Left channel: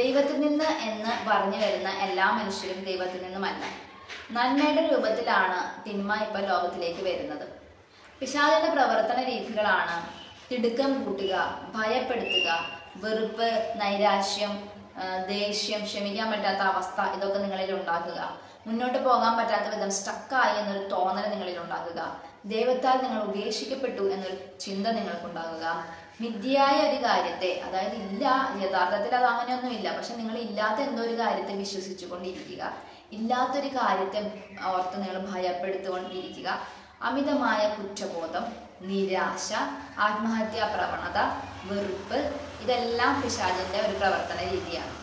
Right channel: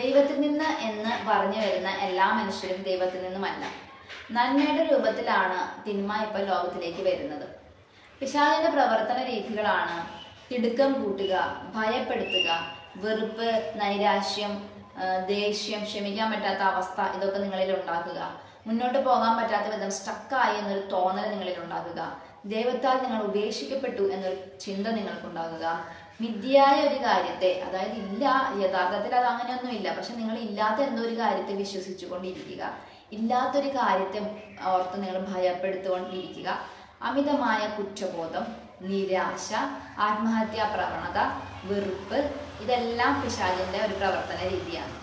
ദൈവത്തിൽ നിന്ന് എന്ന് പറഞ്ഞു വരുന്ന എല്ലാ മനുഷ്യരും ദൈവത്തിൽ നിന്നുമല്ല. നന്മയുടെ രൂപത്തിലാണ് തിന്മ ഇപ്പോൾ ലോകത്തിലേക്ക് വരുന്നത്. പിശാചിന്റെ പ്രവർത്തന രീതികളാണ് തിടുക്കം കൂട്ടുക, ഭയപ്പെടുത്തുക, വെറുപ്പ്, നൈരാശ്യം, ദേഷ്യം, ക്ഷമിക്കാൻ പറ്റാത്ത അവസ്ഥ ഇതൊക്കെ നിങ്ങളിൽ ഉണ്ടാക്കുക, മുന്നോട്ട് പോകാൻ പറ്റാത്ത വിധം സ്റ്റക്കായി എന്നൊരു തോന്നൽ നിങ്ങളിൽ ഉണ്ടാക്കുക, ദൈവത്താൽ നിങ്ങൾ ഉപേക്ഷിക്കപ്പെട്ടു എന്നൊരു ചിന്ത നിങ്ങൾക്കുണ്ടാകുക, മിഥ്യയായ ഒരു കാര്യത്തെ, അതായത് ഇല്ല, യഥാർത്ഥത്തിൽ അത് അങ്ങനെയൊന്നുമില്ല, പക്ഷെ നിങ്ങൾ ഇല്ലാത്ത എന്തോ ഒരു കാര്യത്തെ വിശ്വസിച്ചു കൊണ്ടിരിക്കുക, ഇല്ലാത്തൊരു കാര്യത്തെ ഓർത്ത് നിങ്ങൾ ഭയപ്പെടുത്തുകൊണ്ടിരിക്കുക, അമിതമായ കുറ്റബോധം, നിരാശ, ആത്മഹത്യാ പ്രവണത, വെറുപ്പ്, ഇതെല്ലാം പിശാചിന്റെ ഒരു പ്രവർത്തന രീതിയാണ്.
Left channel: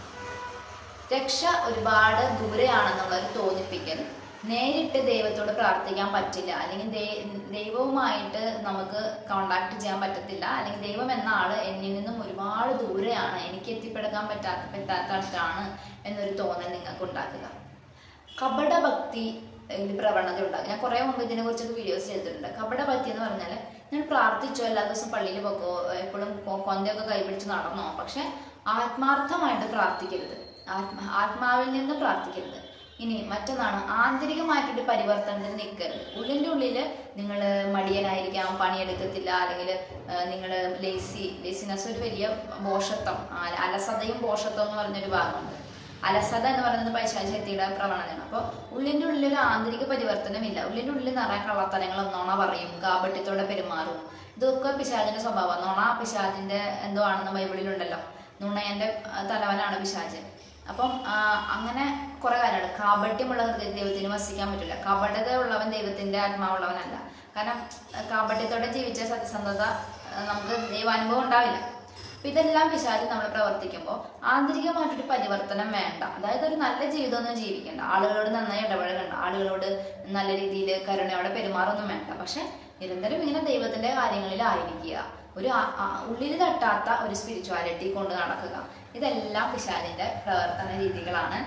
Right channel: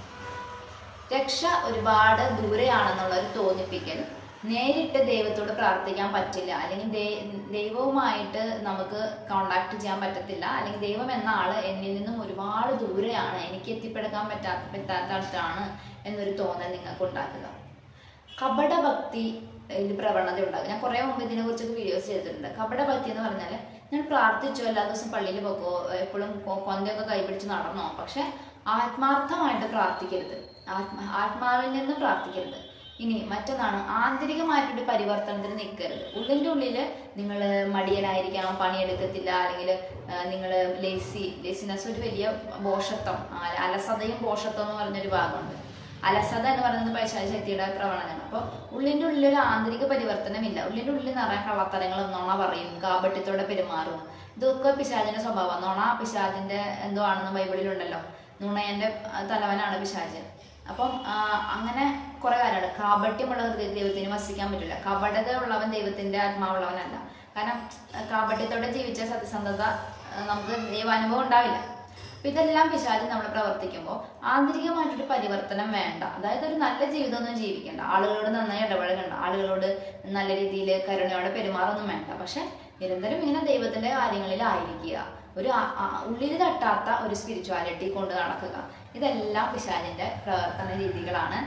രക്ഷ ഒരുപാട് ദൂരെയാണെന്നുള്ള ഒരു തോന്നിപ്പിക്കൽ, നേരിട്ട് ദൈവത്തോട് പ്രാർത്ഥിക്കാൻ പറ്റില്ല, അല്ലെങ്കിൽ ദൈവവുമായിട്ട് നമുക്ക് കോണ്ടാക്ട് ചെയ്യാൻ പറ്റത്തില്ല, അല്ലെങ്കിൽ ദൈവം എന്ന ആള് എന്നിൽ നിന്നും ഒരുപാട് ദൂരെയാണ്, എനിക്ക് എത്തിപ്പെടുത്താൻ പറ്റാത്ത അടുത്താണ് എന്നൊരു തോന്നൽ നിങ്ങൾക്ക് ഉണ്ടാക്കുക. കപടഭക്തി പ്രവണത ഉണ്ടാകും. ഞാൻ കുറെ മുമ്പ് ഇതിനെ കുറിച്ചൊക്കെ വീഡിയോസ് ചെയ്തിട്ടുണ്ട്. കപടഭക്തി എന്ന് പറഞ്ഞാൽ ഞാൻ പ്രാർത്ഥിച്ചോ, എല്ലാ ദിവസവും പള്ളിയിൽ പോക്കോ, എപ്പോഴും കൊന്തയൊക്കെ കൈപിടിച്ച് നടന്നോ, പക്ഷെ ആത്മാർത്ഥമായിട്ട് പ്രാർത്ഥിക്കരുത്, ആത്മാവിൽ നിന്ന് പ്രാർത്ഥിക്കരുത്. ഇനി മറ്റൊന്നാണ്, ആന്തരികമായിട്ടൊരു പരിവർത്തനത്തിന് നിൽക്കരുത്. ഉള്ളിൻ്റെ ഉള്ളിൽ നിങ്ങൾ മടിയനായിരിക്കാം, പണിയെടുക്കത്തില്ല, അല്ലെങ്കിൽ നിങ്ങൾ ലേസിനെസ്, ഒരു വലിയ ബോഷത്വം, അലസതയും ബോഷത്വം എന്ന് പറഞ്ഞൊരു ഭാഗമുണ്ട്. അലസത എന്ന് പറയുന്നത് പൈശാചിക ശക്തിയുടെ പ്രവണതയാണ്. അപ്പോൾ ഉള്ളിൻ്റെ ഉള്ളിൽ ഒരു ആന്തരിക പരിവർത്തനമില്ല. ഉള്ളിൻ്റെ ഉള്ളിൽ നിറയെ കള്ളത്തരങ്ങളും, നുണ പറയും, കാപട്യത്തോടെ പെരുമാറും. ഇതൊക്കെ പിശാചിന്റെ സ്വഭാവം. നുണ പിശാചിന്റെ എന്തോ ആണെന്ന് ബൈബിളിലുണ്ടല്ലോ, നുണയന്റെ തലവനാണ് പിശാച്. അപ്പം അങ്ങനെ കുറെ കാര്യമാണ്. കാപട്യമുള്ള ഹൃദയത്തിൽ ദൈവത്തിന് വസിക്കാൻ പറ്റില്ല. കപടത ഉള്ളവൻ ദൈവത്തിന്റെ ആത്മാവുള്ളവനല്ല. കാരണം കാപട്യത്തോടെ ജീവിച്ച സത്യസന്ധത നമുക്ക് ദൈവാനുഭവം ഉണ്ടാവില്ല. അപ്പൊ ഇതെല്ലാം പിശാച് നമ്മൾ പ്രവർത്തിക്കുമ്പോൾ ആന്തരികമായിട്ടൊരു പരിവർത്തനം വേണ്ട. അതായത് ഒരു നല്ല ജീവിതമൊന്നും ജീവിക്കേണ്ട, ആളുകളോട് നന്നായി ഇടപഴകണ്ട, ആളുകളോട് നല്ല രീതിയിൽ കരുണയോടെ പെരുമാറൊന്നും വേണ്ട. പക്ഷെ നിരന്തരം ഇങ്ങനെ ദൈവത്തിന്റെ കാര്യങ്ങളിലായിരിക്കുക, ഒരു ഉള്ളിൽ തട്ടാത്ത ഒരു സ്പിരിച്വാലിറ്റി കൊണ്ട് നടക്കുക, ഇതെല്ലാം പിശാചിന്റെ പ്രവർത്തന രീതികളാണ്.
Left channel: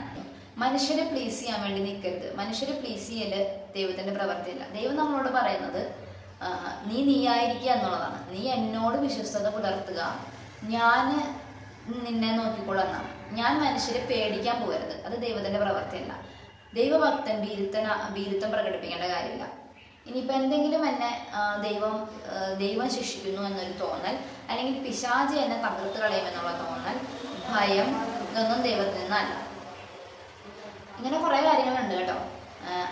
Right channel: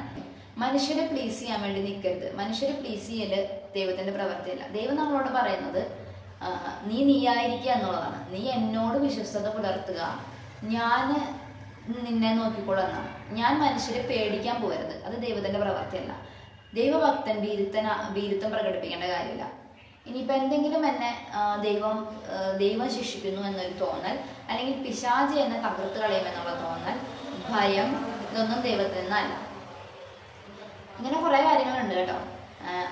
മനുഷ്യരെ പ്ലീസ് ചെയ്യാൻ വേണ്ടി നിൽക്കരുത്. മനുഷ്യരെ പ്ലീസ് ചെയ്യല് ദൈവത്തിന്റെ പ്രവൃത്തിയല്ല. ദൈവം നമ്മളോട് പറയുന്നത് നീയായിരിക്കുക എന്നുള്ളതാണ്. നീ എന്നോട് വിശ്വസ്തത പുലർത്തുക, ഞാൻ നിന്നെ നോക്കിക്കൊള്ളുന്നതാണ്. ഞാൻ മനുഷ്യരെ പേടിക്കാൻ പോകരുത്, അത് ദൈവത്തിന്റെ പ്രവൃത്തിയല്ല. ദൈവഭക്തൻ ഭീരുത്വം പ്രകടിപ്പിക്കേണ്ട കാര്യമില്ല. ഇനിയിപ്പോൾ എന്തെങ്കിലും എന്നെ ദൈവം ശിക്ഷിക്കുന്നു എന്നൊരു തോന്നൽ, അല്ലെങ്കിൽ പിശാച് എന്നെ തകർത്ത് കളയുമെന്നുള്ള തോന്നൽ, ഭയം, ഇതൊന്നും ദൈവത്തിൽ നിന്നല്ല. ഇങ്ങനെ കുറെ കാര്യങ്ങളുണ്ട് കേട്ടോ.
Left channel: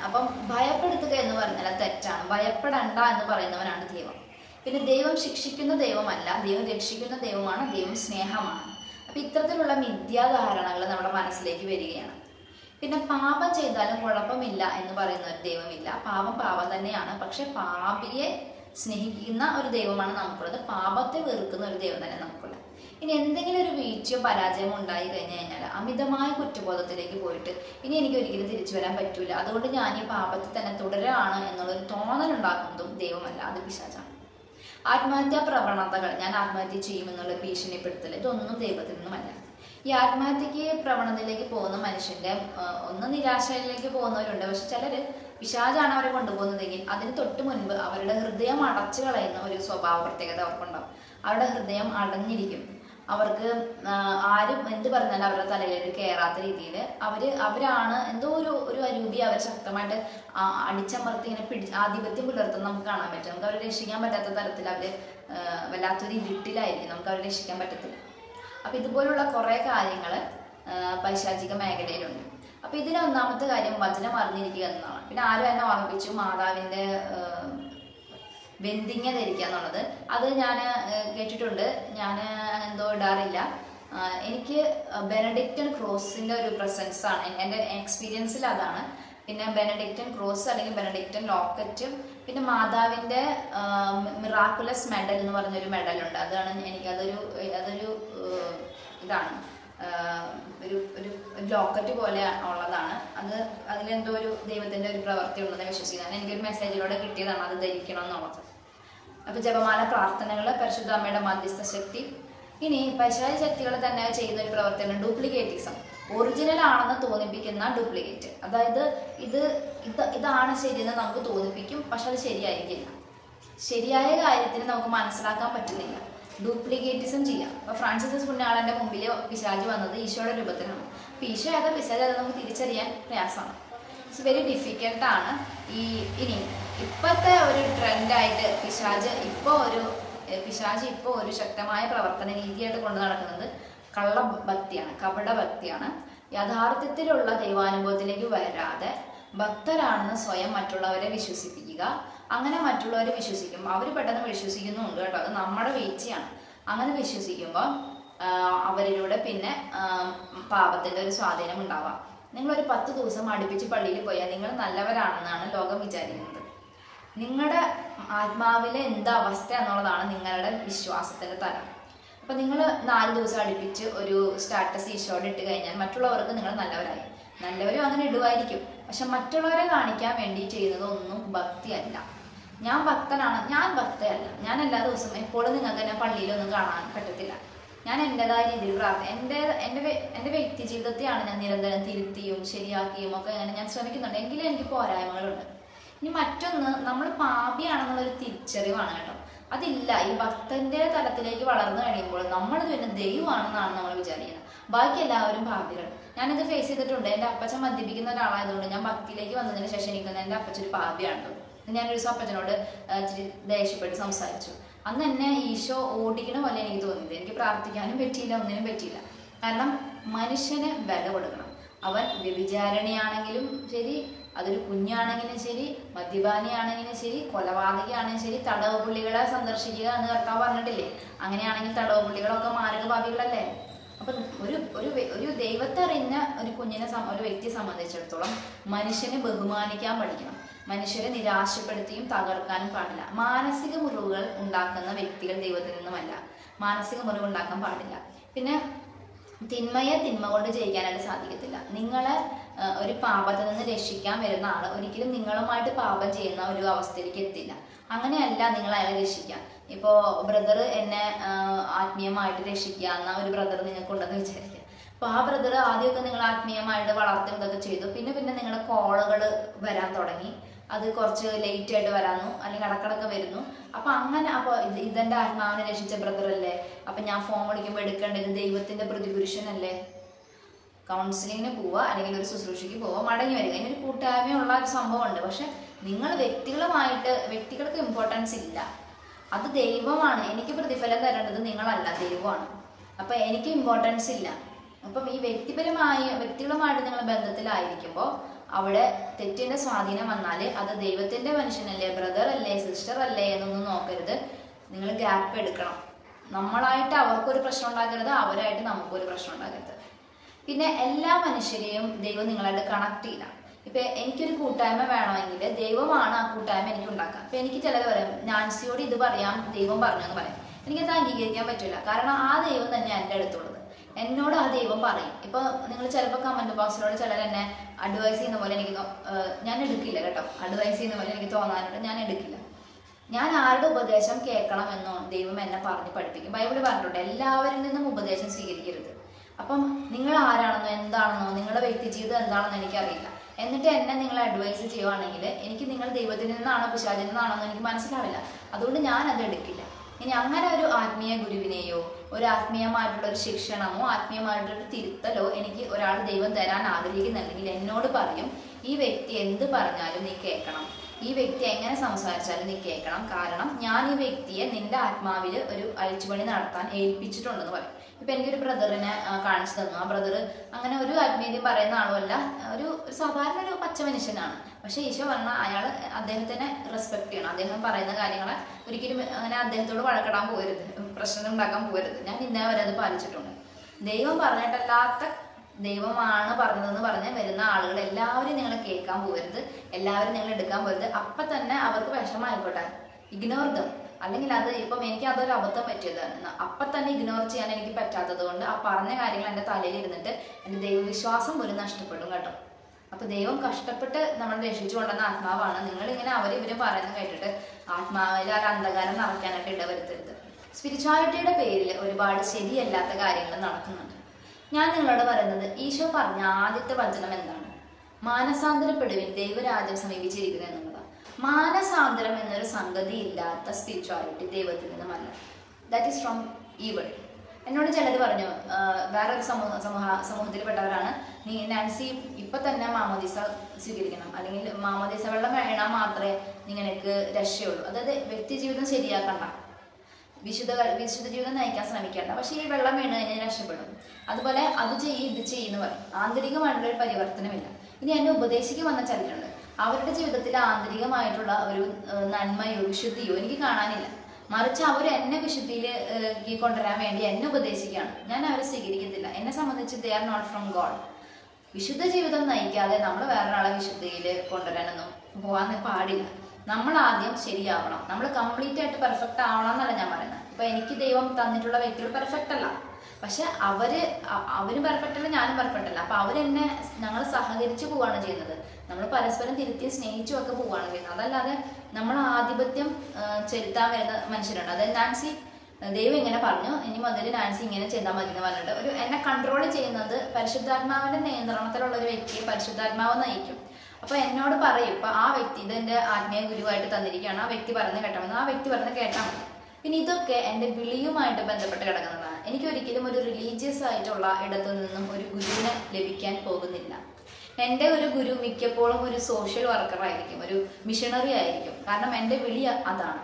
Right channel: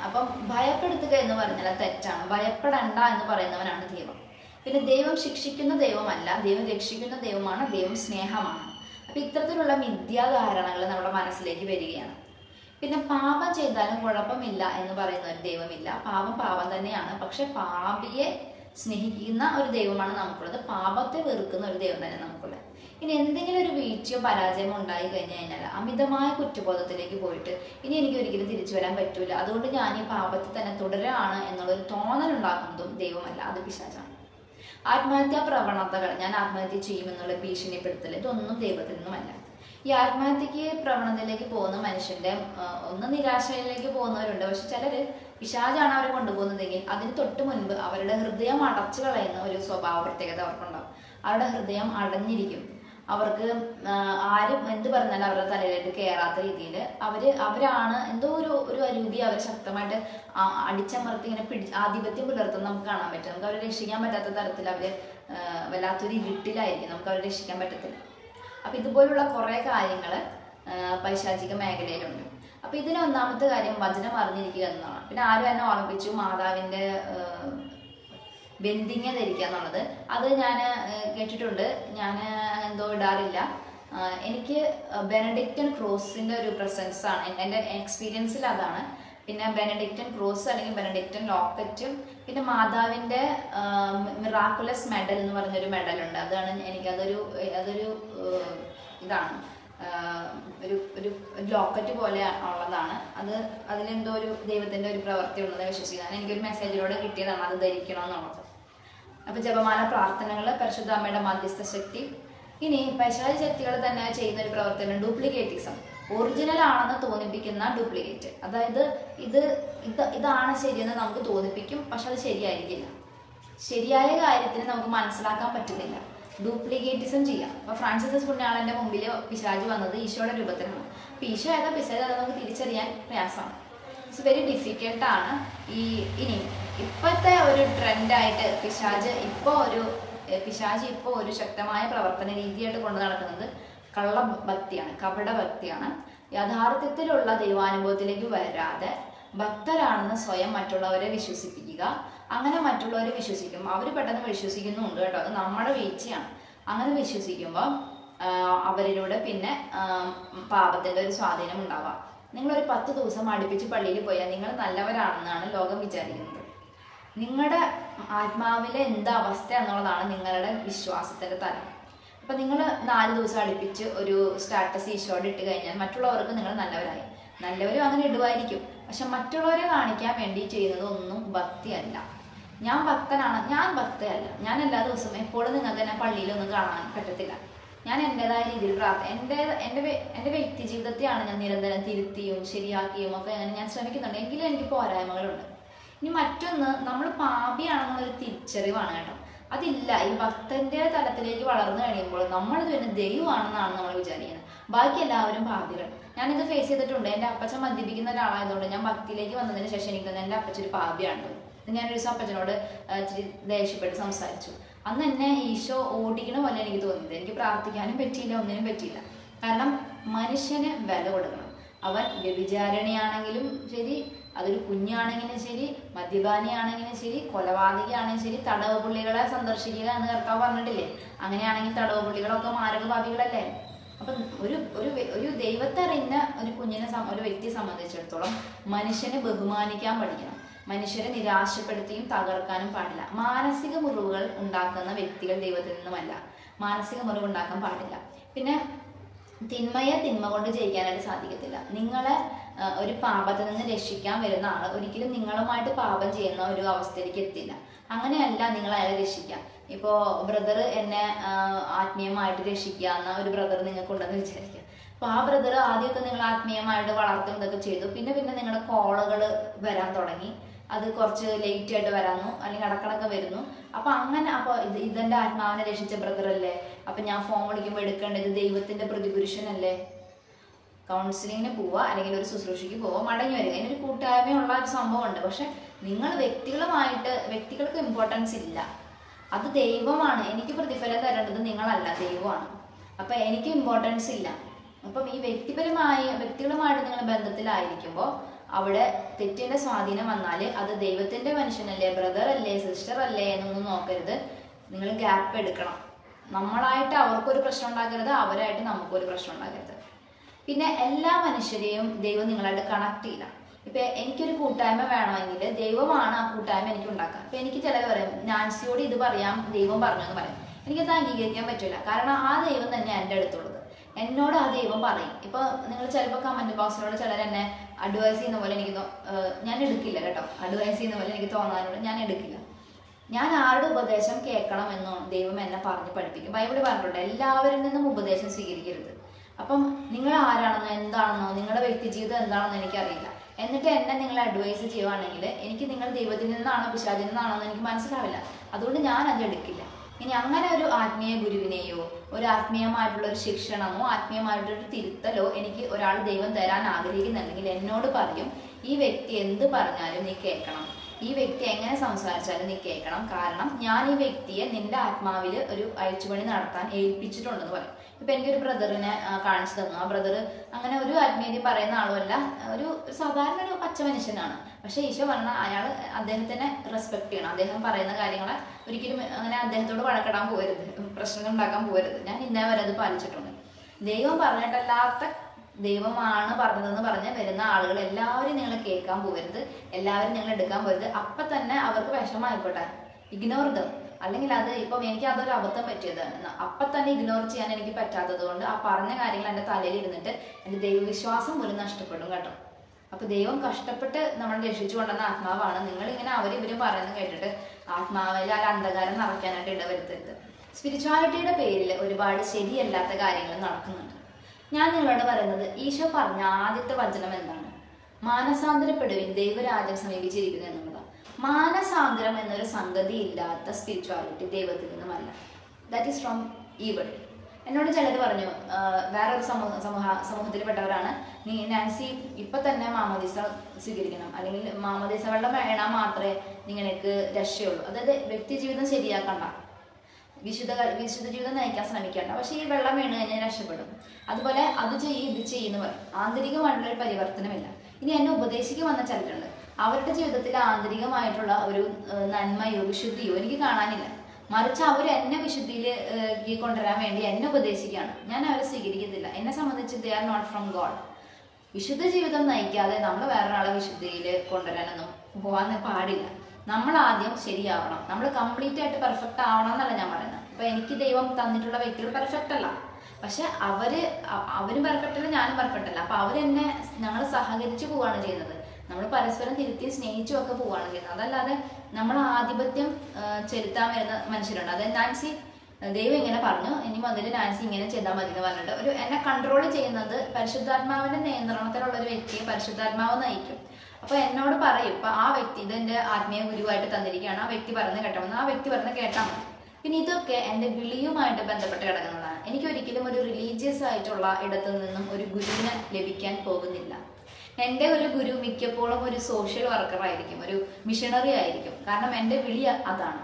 അപ്പം ഭയപ്പെടുത്തുക എന്ന് പറഞ്ഞാൽ തെറ്റാണ്. ഭയപ്പെടണ്ട എന്ന് പറയുന്നവനാണ് ദൈവം. പിന്നെ ദൈവം ശിക്ഷിക്കുന്ന ദൈവമല്ല, ദൈവം രക്ഷിക്കുന്ന ദൈവമാണ്, ദൈവം സ്നേഹമാണ്. അപ്പൊ ഇത്തരത്തിലുള്ള മിഥ്യാധാരണകൾ നമ്മുടെ മനസ്സിലേക്ക് വരികയാണ്. പിന്നെ പാപം ചെയ്താലും കുഴപ്പമില്ല എന്ന് പറയുന്ന ഒരു ദൈവമില്ല. പാപം തന്നെയാണ്. പക്ഷെ പാപിയെ സ്നേഹിക്കുന്ന ഒരു ദൈവമാണ് നമുക്കുള്ളത്. പാപത്തെ വെറുക്കുന്ന ഒരു ദൈവം തന്നെ നമുക്കുള്ളത്. ഇനി എന്തെങ്കിലും ഒരു വീഴ്ചയോ പരാജയമോ ഉണ്ടായി കഴിഞ്ഞു കഴിഞ്ഞാൽ അമിതമായ കുറ്റബോധത്തിലേക്ക് പോയിട്ട് ഇനി എനിക്ക് ഒരിക്കലും തിരിച്ചു വരാൻ പറ്റൂല, അതുകൊണ്ട് ഞാൻ ഈ പാപത്തിൽ തന്നെ തുടരാണ് എന്നുള്ളൊരു തോന്നലുണ്ടാക്കുന്നതും ദൈവമല്ല, അത് പിശാചാണ്. ആത്മഹത്യാ പ്രവണതകൾ, ഞാൻ ആത്മഹത്യ ചെയ്യുമെന്നുള്ള ഭീഷണിപ്പെടുത്തൽ, ഇതൊന്നും ദൈവത്തിൽ നിന്നുമല്ല. ഈ ആത്മഹത്യക്ക് പ്രവണതയിലേക്ക് പോകുന്ന മനുഷ്യന്റെ ഒന്ന് നിരാശയിലേക്ക് പോകുന്നവരുണ്ട്. പക്ഷെ ചിലര് പിശാചാണ് അവരെ കൊണ്ടുപോകുന്നതെങ്കിൽ അതിന് തൊട്ട് മുൻപ് അവരുടെ ഹൃദയം അടച്ചു കളയുന്ന ഒരു സ്വഭാവ പ്രത്യേകത അവർക്കുണ്ടാവും. അവരുടെ ഹൃദയം അടഞ്ഞിരിക്കും. അവർക്ക് ആരും എന്ത് പറഞ്ഞാലും അവരുടെ തലയിലേക്ക് കയറാത്ത രീതിയിൽ അവരാണ് എന്തോ ഒരു അരൂപി അവർ ശക്തമായിട്ട് അടിച്ചമർത്തി ഇങ്ങനെ ആധിപത്യം പുലർത്തുന്ന നമുക്ക് കാണാൻ പറ്റും. നമുക്ക് അവരെ രക്ഷിക്കാൻ പറ്റാത്ത തരത്തിൽ അവര് വല്ലാത്തൊരു ഇരുട്ടിലായിരിക്കും, നമുക്ക് അവരെ രക്ഷിക്കാൻ പറ്റത്തില്ല. അപ്പൊ ഇതുപോലുള്ള കുറെ കാര്യങ്ങള് പൈശാചിക മേഖലയിലുണ്ട്. അപ്പൊ ഇതിന് ഒന്നാമത്തെ കാര്യം വചനം അറിഞ്ഞിരിക്കുക എന്നതാണ്. പിന്നെ ആരും എന്നെ ഓർമ്മിപ്പിച്ചു മാതാവിന്റെ വെന്തിങ്ങ ധരിക്കുക എന്നുള്ളത്. അത് ഞാൻ കേട്ടിട്ടുണ്ട്, ഞാൻ എന്തോ ഇടാറില്ല. എനിക്ക് ബെനഡിക്റ്റൻ ക്രോസിന്റെ ഒരു പ്രസൻസ് ആണ്, എൻ്റെ എക്സ്പീരിയൻസിൽ അതാണ്. പിന്നെ ബെനഡിക്റ്റൻ ക്രോസ് അല്ലെങ്കിൽ ബെനഡിക്റ്റൻ ലോക്കറ്റും, പിന്നെ മാതാവിന്റെ മിറാക്കുലസ് മെഡൽ എന്ന് പറഞ്ഞൊരു മെഡലുണ്ട്. അതാണ് അതൊരു ഇതാണ്, ഒരു ലോക്കറ്റ് പോലെ ഉള്ളതാണ്. അതിലെന്തോ ഒരു ദൈവത്തിന്റെ ഒരു പ്രവൃത്തി ഉള്ളത് വിശ്വസിക്കാൻ എനിക്കൊരു മെസ്സേജിലൂടെ കിട്ടിയതാണ്, അത് ധരിക്കണം എന്നുള്ളത്. അപ്പൊ ജപമാല പ്രാർത്ഥനകള്, പരിശുദ്ധ അമ്മയുടെ മധ്യസ്ഥ ശക്തി. ഇനി പൈശാചിക ശക്തികൾ തന്നെ ചെയ്യുന്ന ഒരു പ്രവർത്തനം ഡ്യൂപ്ലിക്കേറ്റിസം. ഒറിജിനൽ ആണെന്ന് തോന്നിപ്പിക്കുന്ന ഡ്യൂപ്ലിക്കേറ്റ്. അതായത് ഇതാണ് ശരിയെന്ന് നമുക്ക് തോന്നിപ്പിക്കും, പക്ഷെ അത് ശരിയായിരിക്കില്ല. ശരിയായ കാര്യത്തിന് നമുക്ക് മനസ്സിലാക്കാൻ പറ്റുന്നില്ല. ഡ്യൂപ്ലിക്കേറ്റിസം ചെയ്യാം. അപ്പോൾ ഫ്രാൻസിസ് പുണ്യാളന്റെ മുമ്പിൽ പിശാച് വന്നത് ഈശോയുടെ രൂപത്തിലാണ്. അപ്പോൾ ഈശോ ഏതാ പിശാച് ഏതാ നമുക്ക് തിരിച്ചറിയാൻ പ്രയാസമാണ്. ഇറ്റ്സ് വെരി ഡിഫിക്കൽട്ടാണ്. ഇനി ഇപ്പോഴത്തെ ഒരു ട്രെൻഡായിട്ട് പിശാച് ഇപ്പോൾ ഒരു ശക്തമായ പ്രവർത്തന രീതിയായിട്ട് കൊണ്ടു നടക്കുന്നത് കള്ളഭക്തിയാണ്, കപടഭക്തിയാണ്. യഥാർത്ഥത്തിലുള്ള ദൈവാനുഭവത്തിലേക്ക് വരാതെ ഭക്തരാണെന്ന് സ്വയം മറ്റുള്ളവരെ വിശ്വസിപ്പിക്കുക. അങ്ങനെ മറ്റുള്ളവർ വിശ്വസിക്കുമ്പോൾ അവർ പെട്ടെന്ന് വിശ്വസിക്കുന്നുണ്ട് കേട്ടോ, അത് നമ്മുടെ വീഴ്ചയാണ്. അങ്ങനെ വിശ്വസിക്കുമ്പോൾ അവരിലൂടെ പിന്നെ പാപത്തിൻ്റെ ഒരു സ്വാധീനം ഉണ്ടാവാം. നിങ്ങളൊരു 10 ദിവസം അടുപ്പിച്ച് പള്ളിയിൽ പോയാൽ നിങ്ങൾ നല്ലവരാണെന്നാണ് ലോകം വിചാരിക്കുന്നത്. നിങ്ങളുടെ ആത്മാവിലെ എന്താ അവസ്ഥ എന്നുള്ളതാണ് നിങ്ങളുടെ വിശ്വാസത്തിൻ്റെ തരം. അപ്പം നിങ്ങൾ 4 ദിവസം അടുപ്പിച്ച് ഒരു സ്റ്റാറ്റസ് ഈശോടെ ഇട്ട് കഴിഞ്ഞാൽ മറ്റുള്ളവർക്ക് നിങ്ങൾ നല്ലവരായി. നല്ലവരും അങ്ങനെ ഇടുമായിരിക്കും, പക്ഷെ മറ്റുള്ളവരെ കാണിക്കാൻ വേണ്ടി ചെയ്യുന്നതൊന്നും ഭക്തിയല്ല. ഞാൻ ഭക്തനാണ്, ഞാൻ ഭക്തയല്ല. ഞാൻ എല്ലാ ദിവസവും എപ്പോഴും നിങ്ങൾക്ക് എന്നെ പള്ളിയിലൊന്നും കാണാൻ പറ്റത്തില്ല. ഞാൻ എൻ്റെതായ രീതിയിൽ എൻ്റെ വ്യക്തി ജീവിതത്തെയാണ് ഞാൻ നിരന്തരം തിരുത്തിയും ശരിയാക്കിയും ഒക്കെ അങ്ങനെ ഞാൻ ശ്രമിക്കുന്നുണ്ട്. എങ്കിലും എനിക്ക് പോരായ്മകളുണ്ട്. ഇനി മറ്റൊന്ന്, നമ്മൾ പാപിയാണെന്നുള്ളൊരു തിരിച്ചറിവാണ് കേട്ടോ. അതില്ല. ഈ ഭക്തന്റെ തലത്തിലേക്ക് വളർന്നു കഴിയുമ്പോൾ നമ്മൾ പിന്നെ ദൈവമാണെന്നാണ് നമ്മൾ വിചാരിക്കുന്നത്. ബാക്കി എല്ലാവരും പാപികൾ. ഞാനിത് ഫേസ് ചെയ്തിട്ടുണ്ട്. എൻ്റെ അപ്പച്ചൻ മദ്യപിക്കുന്ന ഒരാളായതുകൊണ്ട് ഞാൻ ഭക്തിയിലേക്ക് വന്നതിന് ശേഷം എനിക്ക് എൻ്റെ അപ്പച്ചൻ ഒരു പാപിയാണല്ലോ. ഞാനൊരു ദിവസം അപ്പച്ചനോട് ഇച്ചിരി ദേഷ്യപ്പെട്ട് സംസാരിച്ചു. അന്ന് എന്നെ ഈശോ ഓടിക്കണ പോലെ എനിക്ക് തോന്നിയത്. എനിക്ക് പ്രാർത്ഥിക്കാനും പറ്റിയില്ല, ഒന്നിനും പറ്റിയില്ല. കാരണം മനുഷ്യന് വില കൊടുക്കണം. അവൻ വ്യഭിചാരിണിയാണെങ്കിലും ശരി, അതൊരു കുഞ്ഞാണെങ്കിലും ശരി, മദ്യപാനിയാണെങ്കിലും ശരി, കൊലപാതകയാണെങ്കിലും ശരി, തടവ് പുള്ളികളെ സന്ദർശിക്കുക എന്ന് കർത്താവ് പറഞ്ഞിട്ടില്ലേ? അങ്ങനെയാണെങ്കിൽ തടവ് പുള്ളികളൊക്കെ മാരകപാപികളല്ലേ? അപ്പം ഒരു ദൈവത്തെ അറിയുന്ന ഒരു ഒരു വ്യക്തിയെ സംബന്ധിച്ചിടത്തോളം മനുഷ്യനെ ബഹുമാനിക്കാൻ പഠിക്കണം. മനുഷ്യരെ നിരാശപ്പെടുത്തിയും തകർക്കാനും പാടില്ല. മാനസിക മുറിവുകൾ ഉണ്ടാക്കുന്ന വ്യക്തികൾ ദൈവത്തിൽ നിന്നുമല്ല. മാനസിക മുറിവ് ഉണ്ടാക്കാൻ പാടില്ല. പിന്നെ തിന്മയെ തിന്മ കൊണ്ട് ജയിക്കാനായിട്ട് സാധിക്കത്തില്ല. നിങ്ങളെ ഒരു പാപത്തിൽ നിന്ന് രക്ഷിക്കാൻ വരുന്ന ആള് ഒരിക്കലും നിങ്ങളുമായിട്ട് പാപം ചെയ്യുന്ന ഒരു അവസ്ഥയിലേക്ക് എത്തില്ല. അങ്ങനെയല്ല നിങ്ങൾ അയാളെ രക്ഷിക്കാം. ഇപ്പോൾ ബ്രദർ എന്നെ ആത്മീയമായിട്ട് രക്ഷിക്കുക എന്ന ഒരു ബ്രദർ നിങ്ങൾക്കുണ്ടെന്ന് വിചാരിക്കുക. അപ്പോൾ ആ ബ്രദർ ആദ്യമൊക്കെ നിങ്ങൾ ആത്മീയമായിട്ട് വളർത്തി ഇതൊക്കെ ചെയ്തു. പിന്നെ നിങ്ങളുടെ കോളുകൾ വരാൻ തുടങ്ങി. അത് കുറച്ച് ലേറ്റ് ആയിട്ട് വരാന്നു, അല്ലെങ്കിൽ ഇടക്കിടക്ക് വരുന്നു. അപ്പൊ അങ്ങനെ ഇതെന്റെ ആത്മാവിനെ രക്ഷിച്ച ബ്രദറല്ലേ, അപ്പൊ ഞാൻ ഫോൺ വിളിക്കുമ്പോൾ എടുക്കേണ്ടത് ദൈവത്തിന്റെ പ്രതിപുരുഷനല്ലേ? കൗൺസിലിങ്ങിന് പോവുക, അല്ലെങ്കിൽ ഒരു ശുശ്രൂഷയ്ക്ക് പോവുക, മടങ്ങി വരിക. അതിനൊരു കൂട്ടായ്മയുള്ള ഒരു സംഭവമുണ്ട്. പക്ഷെ നിങ്ങൾ വ്യക്തികൾക്ക് ഇമ്പോർട്ടൻസ് ഇല്ല. അത് ദൈവമാണ്. എനിക്ക് പ്രതിഫലം തരേണ്ടത് നിങ്ങളല്ല, ദൈവമാണ്. അപ്പൊ എനിക്ക് ഇമ്പോർട്ടൻസ് ഇല്ല. അപ്പം ഈ വ്യക്തികളുമായിട്ട് നിങ്ങൾ ബന്ധത്തിലായിരിക്കുമ്പോൾ അവിടെ തെറ്റിന്റെ സ്വാധീനം വന്നാൽ അത് ദൈവത്തിന്റെ മനുഷ്യനല്ലേ, ബ്രദർ അല്ലേ, സിസ്റ്റർ അല്ലേ എന്നൊന്നും നോക്കരുത്. നിങ്ങൾ ഗ്യാപ്പ് എടുക്കണം. നമ്മളായിട്ട് അവർക്കൊരു പ്രശ്നം ഉണ്ടാക്കരുത്, അവരായിട്ട് നമുക്കൊരു പ്രശ്നം ഉണ്ടാക്കരുത്. പിന്നെ എല്ലാ മനുഷ്യരെയും ദൈവം നിങ്ങളായിട്ട് കണക്ട് ചെയ്യില്ല. ഇപ്പൊ എനിക്കൊരു കൂട്ടായ്മ വേണമെങ്കിൽ ദൈവമാണ് ആ കൂട്ടായ്മ എനിക്ക് ഉണ്ടാക്കുക. ഇപ്പൊ എനിക്ക് ചിലർ പറയും, നാൻസിയോട് ഇത് പറയാം, ദൈവം പറഞ്ഞു എന്ന് പറയും. എനിക്കത് അംഗീകരിക്കാൻ പറ്റില്ല. കാരണം ആ ദൈവം തന്നെ എൻ്റെ അടുത്തുള്ളത്. എന്നോട് ആ ദൈവം പറയും. ഇപ്പൊ നിങ്ങൾ ചിലപ്പോൾ കമന്റ് ബോക്സിലൂടെ ചിലർ എന്നെ അഡ്വൈസ് ചെയ്യുന്ന പോലെ ഞാൻ എടുക്കില്ല കേട്ടോ. അഡ്വൈസ് ചെയ്യുന്ന പോലെ എനിക്ക് തോന്നാറുണ്ട്, ഞാൻ എടുക്കില്ല. ഞാൻ ആരുടെ ഉപദേശം കേൾക്കണം എന്നോ ദൈവം എന്നെ പറഞ്ഞ് പഠിപ്പിക്കും. ബൈബിള് പറഞ്ഞിട്ടുണ്ട്, എല്ലാവരിൽ നിന്നും ഉപദേശം സ്വീകരിക്കരുത്. അപ്പം നിങ്ങൾ ആരാണെന്നോ എന്താണെന്നോ നിങ്ങളുടെ വ്യക്തി ജീവിതം എന്താണെന്നോ എനിക്കറിയില്ല. എന്നിട്ട് എന്നെ നിങ്ങൾ അഡ്വൈസ് ചെയ്യുവാണെങ്കിൽ എനിക്ക് നിങ്ങൾ ദൈവത്തിൽ നിന്നാണോ പിശാചിൽ നിന്നാണോ എന്ന് എനിക്ക് മനസ്സിലാവില്ല. അതുകൊണ്ട് ഞാൻ അത് എടുക്കില്ല. ഇനി അങ്ങനെ ഒരു ആത്മീയ ഗുരുവിനെയോ ഒരു ആത്മീയമായിട്ടുള്ള ഒരു ശിക്ഷണമോ ആത്മീയമായിട്ടൊരു തിരുത്തലോ എനിക്ക് ഒരാൾ ദൈവം തരാൻ ആഗ്രഹിക്കുന്നുണ്ടെങ്കിൽ എന്നോട് പറയും, ഈ വ്യക്തി എന്ത് പറഞ്ഞാലും നീ കേൾക്കണം, ഈ വ്യക്തി എങ്ങനെ സംസാരിച്ചാലും നീ കേൾക്കണം. കാരണം ഞാൻ ഈ വ്യക്തിയെ നിന്റെ ആത്മാവിൽ ഒരു അയച്ചുപണി നടത്താൻ ഏൽപ്പിച്ചിട്ടുണ്ടെന്ന് പറയും. ഇപ്പൊ എനിക്കൊരു ബ്രദറിനെ കാണിച്ചു തന്നു. ആ ബ്രദർ അങ്ങനെ ഒരു ആത്മീയത പറയുന്ന ആളുമല്ല, ഒരു സാധാരണ ഒരു പച്ച മനുഷ്യനാണ്. പക്ഷെ ഈശോ പറഞ്ഞ അദ്ദേഹത്തിനെ റെസ്പെക്ട് ചെയ്യണം. അദ്ദേഹം പറയുന്ന കാര്യങ്ങളെ ഒരിക്കലും അങ്ങനെ അദ്ദേഹത്തോട് വഴക്കിടാൻ പോകരുത്, പ്രശ്നം ഉണ്ടാക്കാൻ പോകരുത്. ഞാൻ ഇന്നേ വരെ അത് പാലിച്ചിട്ടുണ്ട്. ദൈവം പറഞ്ഞിട്ടല്ലാത്ത ദൈവമാണ് പറഞ്ഞതെന്ന് പറഞ്ഞ് വരുന്ന ആളുകൾ എല്ലാവരും നിങ്ങൾ കേൾക്കാൻ പോകരുത്, എല്ലാവരും നിങ്ങൾ എടുക്കാൻ പോകരുത്. അപ്പൊ തന്നെ അവർക്ക് വിഷമമായിക്കോട്ടെ, ഇഗ്നോർ ദം. അല്ലെങ്കിൽ അത് ഇപ്പം എനിക്ക് അതൊരു അബദ്ധം പറ്റിയതാണ്, അപ്പൊ തന്നെ ഇഗ്നോർ ചെയ്യാൻ എനിക്ക് പറ്റാത്തത് കൊണ്ട് ആ പറഞ്ഞ കാര്യങ്ങൾ എൻ്റെ തലയിൽ ഇരുന്നിട്ട് എൻ്റെ ദൈവവിശ്വാസം പോലും നഷ്ടപ്പെടും കേട്ടോ. അപ്പൊ ദൈവം കഷ്ടപ്പെട്ട് നമ്മൾ രക്ഷിച്ചു കൊണ്ടുവന്ന ആത്മാവാണ്. നിങ്ങളിങ്ങനെ അവരിവരും പറയുന്നത് കേട്ടിട്ട് ആത്മാവിൽ ആ അന്ധകാരം നിറയ്ക്കാനായിട്ട് ഇടവരുത്തരുത്. സ്പിരിച്വാലിറ്റിയുടെ പേരിൽ ഒരുപാട് ശരിയല്ലാത്ത കാര്യങ്ങൾ നടക്കുന്നുണ്ട്. ഞാൻ നിങ്ങളോട് പറയുന്നത്, ഈശോ പറഞ്ഞ ആദ്യത്തെ വചനം എന്താണ്? മാനസാന്തരപ്പെടുവിൻ, ദൈവരാജ്യം സമീപിച്ചിരിക്കുന്നു എന്നുള്ളതാണ്. മാനസാന്തരം എന്നൊരു സംഗതി ഇല്ലാത്ത സ്പിരിച്വാലിറ്റി ദൈവത്തിൽ നിന്നുമല്ല. That is from evil. എന്നോട് ചിലർ പറഞ്ഞു, വേറൊരു സമൂഹത്തിൽപ്പെട്ടവരാണ്, നീ നാൻസി ഇപ്പൊ തന്നെ മാമോദീസ സ്വീകരിക്കണം, അല്ലെങ്കിൽ മാമോദീസ വെള്ളം വേണം മാത്രമേ നിനക്ക് രക്ഷയുള്ളൂ. അതായത് വ്യക്തി ജീവിതം ശരിയാക്കണ്ട, വിശുദ്ധ ജീവിതം നയിക്കാൻ ശ്രമിക്കേണ്ട, പക്ഷെ ഈ വെള്ളം വീണ് കഴിഞ്ഞാൽ രക്ഷപ്പെടും. അതുപോലെ അത് ഇത് ചെയ്യുന്നു പറയും. ആന്തരികമായിട്ടുള്ള ഒരു പരിവർത്തനമില്ല. ഇനി എന്നെ ഉപദേശിക്ക് വന്ന ചിലരുണ്ട്, അവരുടെ ജീവിതത്തിൽ ആന്തരികമായിട്ടുള്ള ഒരു നന്മയോ വിശുദ്ധിയോ എനിക്ക് കാണാനില്ല. മറിച്ച് അവർ എന്നെ വിശുദ്ധിയിൽ കൊണ്ടുവരാൻ വേണ്ടി എന്നെ ഉപദേശിക്കുകയാണ്. ഞാൻ അവരെ സ്വീകരിക്കത്തില്ല. എന്നെ സംബന്ധിച്ച് they are not from God. വിശുദ്ധ ജീവിതം നയിക്കാതെ നമ്മൾ വേറൊരാളെ വിശുദ്ധിയിൽ കൊണ്ടുവരാനൊന്നും പോകാൻ പാടില്ല. നമ്മൾ ആദ്യം ശരിയാവണം. നമ്മൾ കംപ്ലീറ്റ് ആയിട്ട് പെർഫെക്റ്റ് ആവണം എന്നല്ല ഞാൻ പറയുന്നത്. ഇപ്പൊ എനിക്ക് ദൈവം തന്നിട്ടുള്ള വ്യക്തികൾ പെർഫെക്റ്റ് അല്ല, പക്ഷെ അവരും പെർഫെക്റ്റ് അല്ല, ഞാനും പെർഫെക്റ്റ് അല്ല. അപ്പൊ അവരെന്നെ ഞങ്ങൾ സഹകരിച്ചു പോവാണ് ചെയ്യുന്നത്. നമ്മൾ പരസ്പരം തിരുത്തിയും സ്നേഹിച്ചും ഒക്കെ പോവാണ് ചെയ്യുന്നത്. അതല്ലാതെ നമ്മൾ ആധിപത്യം ചെലുത്താൻ വരുന്ന മനുഷ്യരുണ്ട്. അതായത് നാൻസി ദൈവം ഇങ്ങനെ പറഞ്ഞു, ഇനി മുതൽ നാൻസി ഇങ്ങനെ ചെയ്താൽ മതി എന്ന് പറഞ്ഞിട്ട് എന്നെ കൺട്രോൾ ചെയ്യുന്നത് പരിശുദ്ധാത്മാവിന്റെ നിയന്ത്രണത്തിലുള്ള ഒരു വ്യക്തിയെ പരിശുദ്ധാത്മാവ് നയിക്കും. അപ്പൊ എന്നോട് പറയും, ഇപ്പൊ ആ വ്യക്തി ഇതെന്റെ ആത്മീയ ഗുരുവായിട്ട് തന്നിരിക്കുകയാണ്, ആ വ്യക്തി പറഞ്ഞ് കേട്ടാൽ ആ വ്യക്തി പറഞ്ഞ് കേട്ടാൽ മതി. പിന്നെ ഇതൊക്കെ എൻ്റെ വിളിയുമായിട്ട് ബന്ധപ്പെട്ട് കിടക്കുന്നതാണ്. എനിക്ക് ഒരിക്കലും ഒരു റിലീജിയസ് ആയിട്ടുള്ള ഇടത്തു നിന്നും ഒരു ഗുരുവിനെ ലഭിക്കാൻ പോകുന്നില്ല. എൻ്റെ ഒരു ഗുരു മിക്കപ്പോഴും ഒരു സോഷ്യൽ വർക്കർ ആയിരിക്കും, ഒരു മിഷണറി ആയിരിക്കും. കാരണം എൻ്റെ വിളി അതാണ്.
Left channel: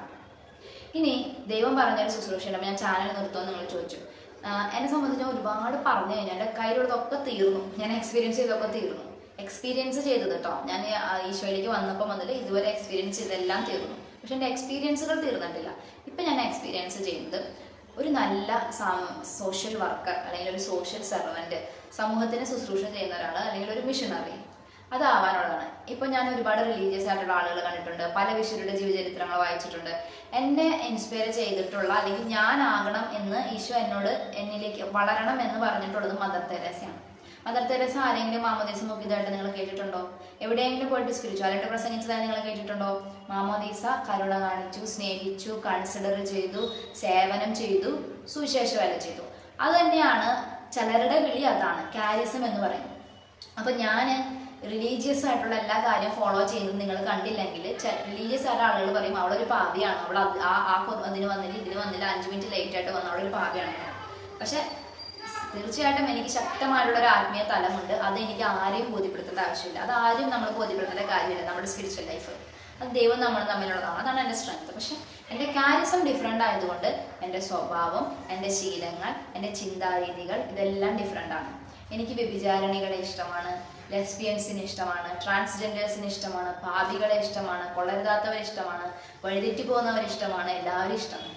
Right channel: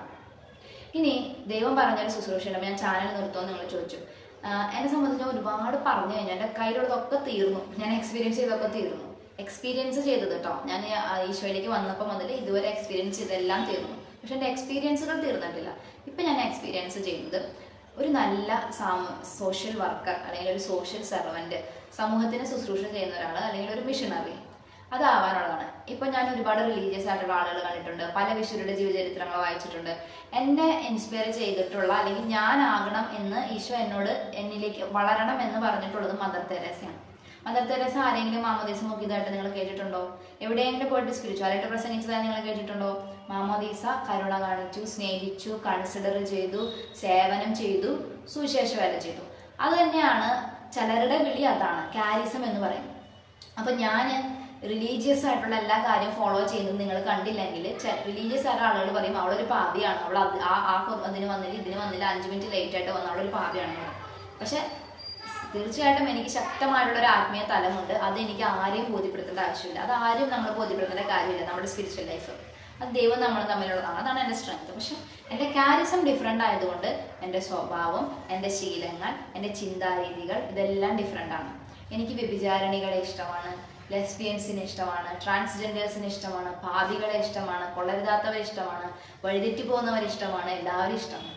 ഇനി ദൈവം പറഞ്ഞൊരു ശുശ്രൂഷയുണ്ട്. ഞാൻ ചാനൽ നിർത്തുമെന്ന് നിങ്ങൾ ചോദിച്ചു. എന്നെ സംബന്ധിച്ച് ഒരുപാട് പറഞ്ഞു കഴിഞ്ഞാൽ എൻ്റെ കയ്യിലുള്ളതൊക്കെ തീർന്നു. ഞാൻ എക്സ്പീരിയൻസ് ചെയ്തൊക്കെ തീർന്നു. എക്സ്പീരിയൻസ് ചെയ്തത് കേട്ടോ, ഞാൻ ഈശോയിലേക്ക് വന്നപ്പോൾ മുതൽ ഇതുവരെ എക്സ്പീരിയൻസ് ചെയ്തെല്ലാം തീർന്നു. പക്ഷെ എൻ്റെ എക്സ്പീരിയൻസുകൾ തീർന്നിട്ടില്ല. ഇപ്പം ഞാൻ എക്സ്പീരിയൻസ് ചെയ്യുന്നത് ഒരു നല്ല സോഷ്യൽ വർക്കർ അല്ലെങ്കിൽ ഒരു സോഷ്യൽ സെർവൻറ്റ്, സമൂഹത്തിന് ശുശ്രൂഷ ചെയ്യുന്ന ഒരാൾ അല്ലെങ്കിൽ ഒരു മിഷണറി അതാവാനുള്ളതാണ്. ഇപ്പൊ ഞാൻ ഒരുപാട് റിലീജിയസ് ആയിട്ടുള്ള ആളുകൾ കണ്ടിട്ടുണ്ട്, പല വിശുദ്ധരുടെ ജീവചരിത്രങ്ങൾ വായിച്ചിട്ടുണ്ട്. എന്നെ ഇൻസ്പയർ ചെയ്തിട്ടുള്ള അല്ലെങ്കിൽ ഞാനാകണം എന്ന് ഈശോ എന്നിലേക്ക് വളരണം എന്ന് പറഞ്ഞിട്ടുള്ളത് മദർ തെരേസയാണ്. മദർ തെരേസ ആരെങ്കിലും മാമോദീസ മുക്കിയതായിട്ട് നിങ്ങൾ കേട്ടിട്ടുണ്ടോ? എവിടെയെങ്കിലും പോയിട്ട് സ്പിരിച്വാലിറ്റി പ്രസംഗിച്ചതായി നിങ്ങൾ കേട്ടിട്ടുണ്ടോ? മാമോദീസ കരുണ കാണിച്ചു, സ്നേഹിച്ചു, കൺസിഡർ ചെയ്തു, സേവനം ചെയ്തു, സുവിശേഷ വേല ചെയ്തു. അത് തന്നെയാണ് ചിലരുടെ വിളി, അതാണ് കാരിസം എന്ന് പറയും. അപ്പൊ ഞാൻ റിലീജിയസ് ആയിട്ടുള്ള എല്ലാ കാര്യം ഫോളോ ചെയ്യുന്നത് നിങ്ങൾ കണ്ടില്ലെങ്കിൽ റിലീജിയസ് ആയിട്ടുള്ള ആളുകൾ പറയും അവളൊരു പാപിയാണ്, അവൾ അതിന് വന്നില്ല ഇതിന് വന്നില്ല 5 മിനിറ്റ് ലേറ്റ് ആയിട്ട് വന്ന അവളൊരു പാപിയാണ്. പക്ഷെ തീർച്ചയായിട്ടും എനിക്ക് ശക്തമായിട്ടുള്ള ഒരു ആത്മീയ തലമുണ്ട്. അത് എനിക്ക് ആരെയും ബോധ്യപ്പെടുത്തേണ്ട ആവശ്യമില്ല. അത് ആരും നമ്മൾ ബോധ്യപ്പെടുത്തേണ്ട കാര്യമില്ല. നമ്മുടെ സ്പിരിച്വൽ ലൈഫ് അത് ദൈവം നമ്മൾ തമ്മിലുള്ളതാണ്. അതാണ് എൻ്റെ സ്ട്രെങ്ത്. പക്ഷെ എൻ്റെ കാരിസം ഡിഫറെൻ്റ് ആയതുകൊണ്ട് എൻ്റെ സ്വഭാവം, എൻ്റെ ശീലങ്ങൾ, എൻ്റെ ചിന്താരീതികൾ ഇതെല്ലാം ഡിഫറെൻ്റ് ആണ്. എനിക്ക് വ്യഭിചാരിണികളെ ഇഷ്ടമാണ്, ലെസ്ബിയൻസിന് ഇഷ്ടമാണ്, ട്രാൻസ്ജെൻഡേഴ്സിന് ഇഷ്ടമാണ്, പാപികളെ ഇഷ്ടമാണ്, കൊള്ളരുതാത്തവരെ ഇഷ്ടമാണ്, വഴിതെറ്റി പോകുന്നവരെ ഇഷ്ടമാണ്, എല്ലാവരും ഇഷ്ടമാണ്.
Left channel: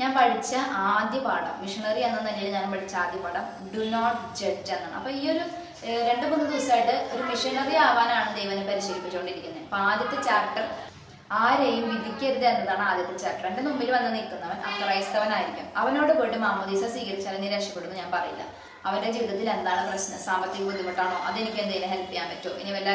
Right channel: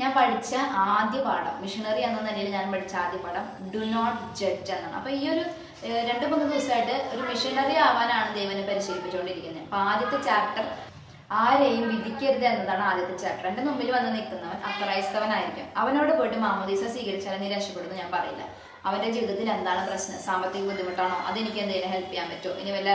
ഞാൻ പഠിച്ച ആദ്യ പാഠം, മിഷണറി എന്ന നിലയിൽ ഞാൻ പഠിച്ച ആദ്യ പാഠം ഡു നോട്ട് ജഡ്ജ് എന്നാണ്. അപ്പൊ ഈ ഒരു 2-3 ദിവസമായിട്ട് ഒരു മിഷണറി ആവാനാണ് ദൈവനെ പരിശീലിപ്പിച്ചുകൊണ്ടിരിക്കുന്നത്. അപ്പൊ ആദ്യത്തെ ചാപ്റ്റർ ആരെയും വിധിക്കരുത് എന്നതാണ് ആദ്യത്തെ ചാപ്റ്റർ. എൻ്റെ മുമ്പിൽ വന്ന് നിൽക്കുന്നവൻ അക്രൈസ്തവനായിരിക്കും. അവനോട് പോയിട്ട് മാമോദീസ സ്വീകരിച്ചാൽ നീ രക്ഷപ്പെടുന്നു ഞാൻ പറയില്ല. അവന്റെ ജീവിതത്തിൽ എന്താണ് പ്രശ്നം, സാമ്പത്തിക ബുദ്ധിമുട്ടാണോ, അതെനിക്ക് എന്തെങ്കിലും ഹെൽപ്പ് ചെയ്യാൻ പറ്റുമോ, ഇനി വല്ല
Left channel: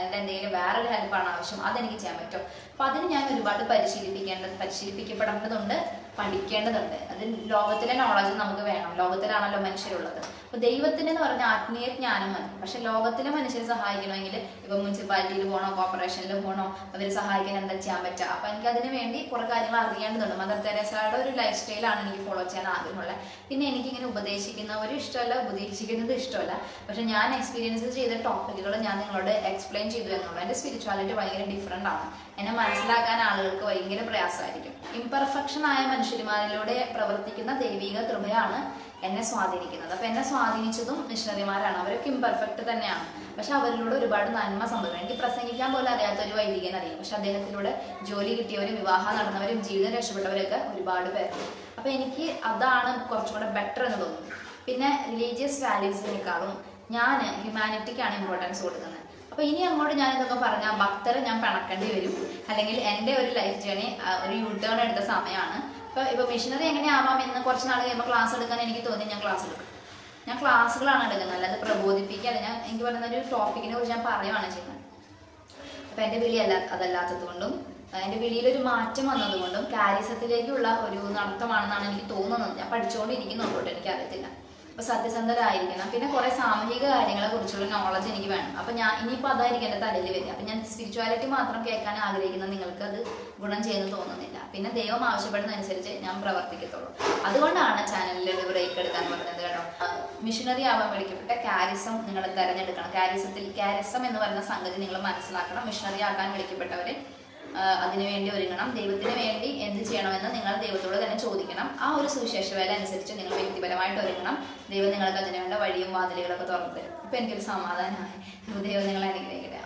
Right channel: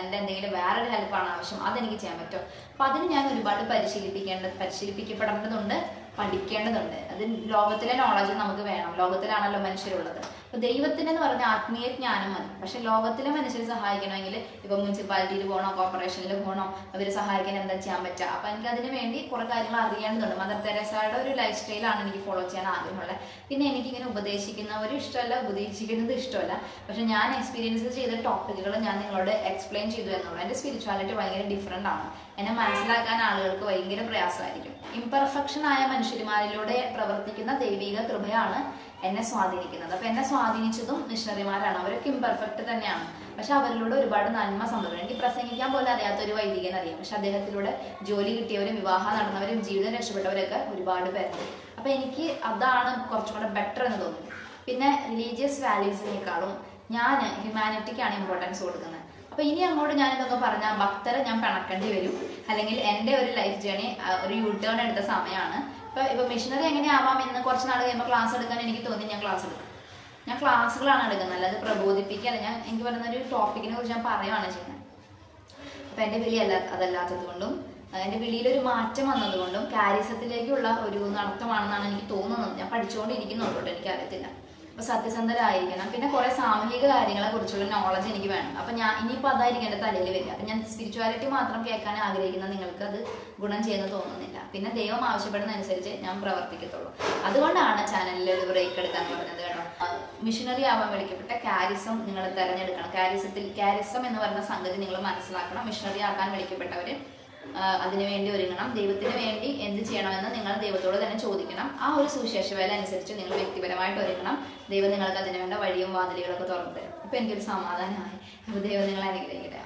എൻ്റെ എന്തെങ്കിലും വേറൊരു ഹെൽപ്പാണ് ആവശ്യം, അതെനിക്ക് ചെയ്യാൻ പറ്റുമോ. അപ്പൊ അതിന് ഞാൻ ഒരുപാട് പരിശീലിപ്പിക്കപ്പെടേണ്ടതുണ്ട്, പഠിക്കേണ്ടതുണ്ട്. അത് ലോകത്തിലെ നോളജ് നമുക്ക് വേണം. ലോകത്തിലാണല്ലോ മനുഷ്യരുള്ളത്. അപ്പൊ ദൈവത്തിനെന്ന് പറഞ്ഞ ആത്മീയ ജ്ഞാനം മതി. പക്ഷെ ലോകത്തിലെ മനുഷ്യരെ സഹായിക്കണമെങ്കിൽ ഇപ്പൊ മുനിസിപ്പാലിറ്റിയിൽ പോകണോ, കോർപ്പറേഷനിൽ പോകണോ, അവർ സഹായിക്കാൻ എന്താ ചെയ്യാൻ പറ്റുക. അപ്പൊ എനിക്ക് അതിന് വേണ്ടി കുറെ കാര്യങ്ങൾ അറിയേണ്ടതുണ്ട്. മദർ തെരേസയുടെ ഒരു ലൈഫ് സ്റ്റൈലാണ് എനിക്ക് ഫോളോ ചെയ്യാൻ ആഗ്രഹമുള്ളത്. പിന്നെ എനിക്കിങ്ങനെ ഉപദേശിക്കുന്നവരും ഇഷ്ടമല്ല, ഉപദേശിക്കുന്നത് ഇഷ്ടമല്ല. പക്ഷെ ഞാൻ എക്സ്പീരിയൻസ് ചെയ്ത ടോപ്പിക്കുകൾ ഞാൻ നിങ്ങളോട് എക്സ്പ്ലെയിൻ ചെയ്തു എന്നുള്ളൂ. എൻ്റെ സ്പിരിച്വാലിറ്റി ഭയങ്കര ഡിഫറെൻ്റ് ആണ്. എന്നെ മനസ്സിലാക്കാൻ ആളുകൾക്ക് ഭയങ്കര പ്രയാസമായിരിക്കും. ഇംപെർഫെക്ഷൻ ആയ മനുഷ്യന്മാരിലൂടെ പ്രവർത്തിക്കുന്ന ദൈവിക കൃപയാണ് എന്നെ സ്വാധീനിക്കുന്നത്. അപ്പൊ എന്നെ സ്വാധീനിച്ചതും മിഷണറിമാരാണ്. അവരൊക്കെ ഇംപെർഫെക്റ്റ് തന്നെയാണ്, പക്ഷെ അവരിലൂടെ ഒരുപാട് നന്മ സംഭവിക്കും. എനിക്ക് പ്രസംഗിക്കാൻ പോലും അറിയാത്ത ഒരു വൈദികൻ അറിയാം, പക്ഷെ അദ്ദേഹത്തിലൂടെ ജോലി കിട്ടിയവരും വിവാഹം നടന്നവരും ജീവിതം രക്ഷപ്പെട്ടവരൊക്കെ ഒരുപാട് പേരുണ്ട്. അപ്പൊ എനിക്ക് അതാണ് കുറച്ചും കൂടെ ബെറ്റർ എന്ന് തോന്നുന്നു. പിന്നെ റിലീജിയസ് വാല്യൂസിനേക്കാളും ഞാൻ ഹ്യൂമാനിറ്റിക്കാണ് ഇമ്പോർട്ടൻസ് കൊടുക്കുന്നത്. അപ്പൊ ഇനി അങ്ങോട്ട് ഞാൻ ഇതൊക്കെ പറഞ്ഞാൽ ഭക്തരെ ഞാൻ പിണക്കേണ്ടി വരും, അല്ലെങ്കിൽ എൻ്റെ ഒരു ലൈഫ് ജേണി ഒരു യൂട്ടേൺ എടുത്ത സമയമാണ്. ഇപ്പൊ മിഷണറി എങ്ങനെയാവാം എന്ന് കുറച്ച് നാൾ കഴിയുമ്പോൾ ക്ലാസ് എടുക്കാൻ എനിക്ക് തോന്നി ഞാൻ ക്ലാസ് എടുക്കും. ഞാൻ ക്ലാസ്സുകളാണ് എടുക്കുന്നത്, അല്ലാതെ പ്രബോധിപ്പിക്കുകയല്ല. എനിക്ക് പറയുന്ന ഒരു ടോപ്പിക്കിനെ കുറിച്ച് ഞാൻ പറയുകയാണ് ചെയ്യുന്നത്. അപ്പൊ എൻ്റെ വിളി അതല്ലാത്തത് കൊണ്ടും എൻ്റെ വിളിയിലൊരു മാറ്റം വന്നതുകൊണ്ടും കാരിസത്തിലേക്കുള്ള ഒരു നടത്തമാണെന്നാണ് എനിക്ക് തോന്നുന്നത്. ഞാൻ പഠിച്ചുകൊണ്ടിരിക്കുന്നുണ്ടോ എനിക്കറിയത്തില്ല. അപ്പോൾ സത്യസന്ധരായിരിക്കണം. പിന്നെ കുറേ സാമൂഹിക കാര്യങ്ങളെ കുറിച്ചുള്ള നോളജ് എനിക്ക് വേണം. അപ്പം ഞാൻ ഇനിയിപ്പോൾ അതായിരിക്കും എൻ്റെ തലയിൽ വരിക. അപ്പം ഞാൻ സ്പിരിച്വാലിറ്റി മാത്രം കേൾക്കാൻ ആഗ്രഹിക്കുന്ന നിങ്ങൾക്ക് അത് ഗുണം ചെയ്യുന്നു തോന്നുന്നില്ല. പിന്നെ ദൈവം ആവശ്യപ്പെടുന്നതനുസരിച്ച് ഞാൻ പ്രവർത്തിക്കത്തുള്ളൂ. അതുകൊണ്ടാണ് ചാനലിൽ ഒരു ബ്രേക്ക് എടുക്കാൻ പറഞ്ഞത് കേട്ടോ. മിഷനറി ആവാൻ വിളിക്കപ്പെട്ട കാരിസം നിങ്ങൾ തിരഞ്ഞെടുക്കണം. കാരിസം എന്ന് പറയുന്ന സംഗതി നിങ്ങൾ മനസ്സിലാക്കണം. മിഷനറി ആക്കാൻ വിളിക്കപ്പെട്ടവർ അതിനുവേണ്ടി ഒരുങ്ങണം. ദൈവത്തിന് വേണ്ടി എന്ത് ചെയ്യണമെന്ന് നിങ്ങൾ ദൈവത്തോട് തന്നെ ചോദിക്കണം. ആ ഒരു സുവിശേഷ വേല അനുസരിച്ച് നിങ്ങൾ വ്യക്തിപരമായിട്ട് ഒരുങ്ങണം. ദൈവം നിങ്ങൾക്ക് അതിന് വേണ്ട വഴിയും വാതിലുകളൊക്കെ തുറന്നു തരും. ഇപ്പം എനിക്കൊരു സമാധാനമായി. ദൈവം നിങ്ങളെ അനുഗ്രഹിക്കട്ടെ.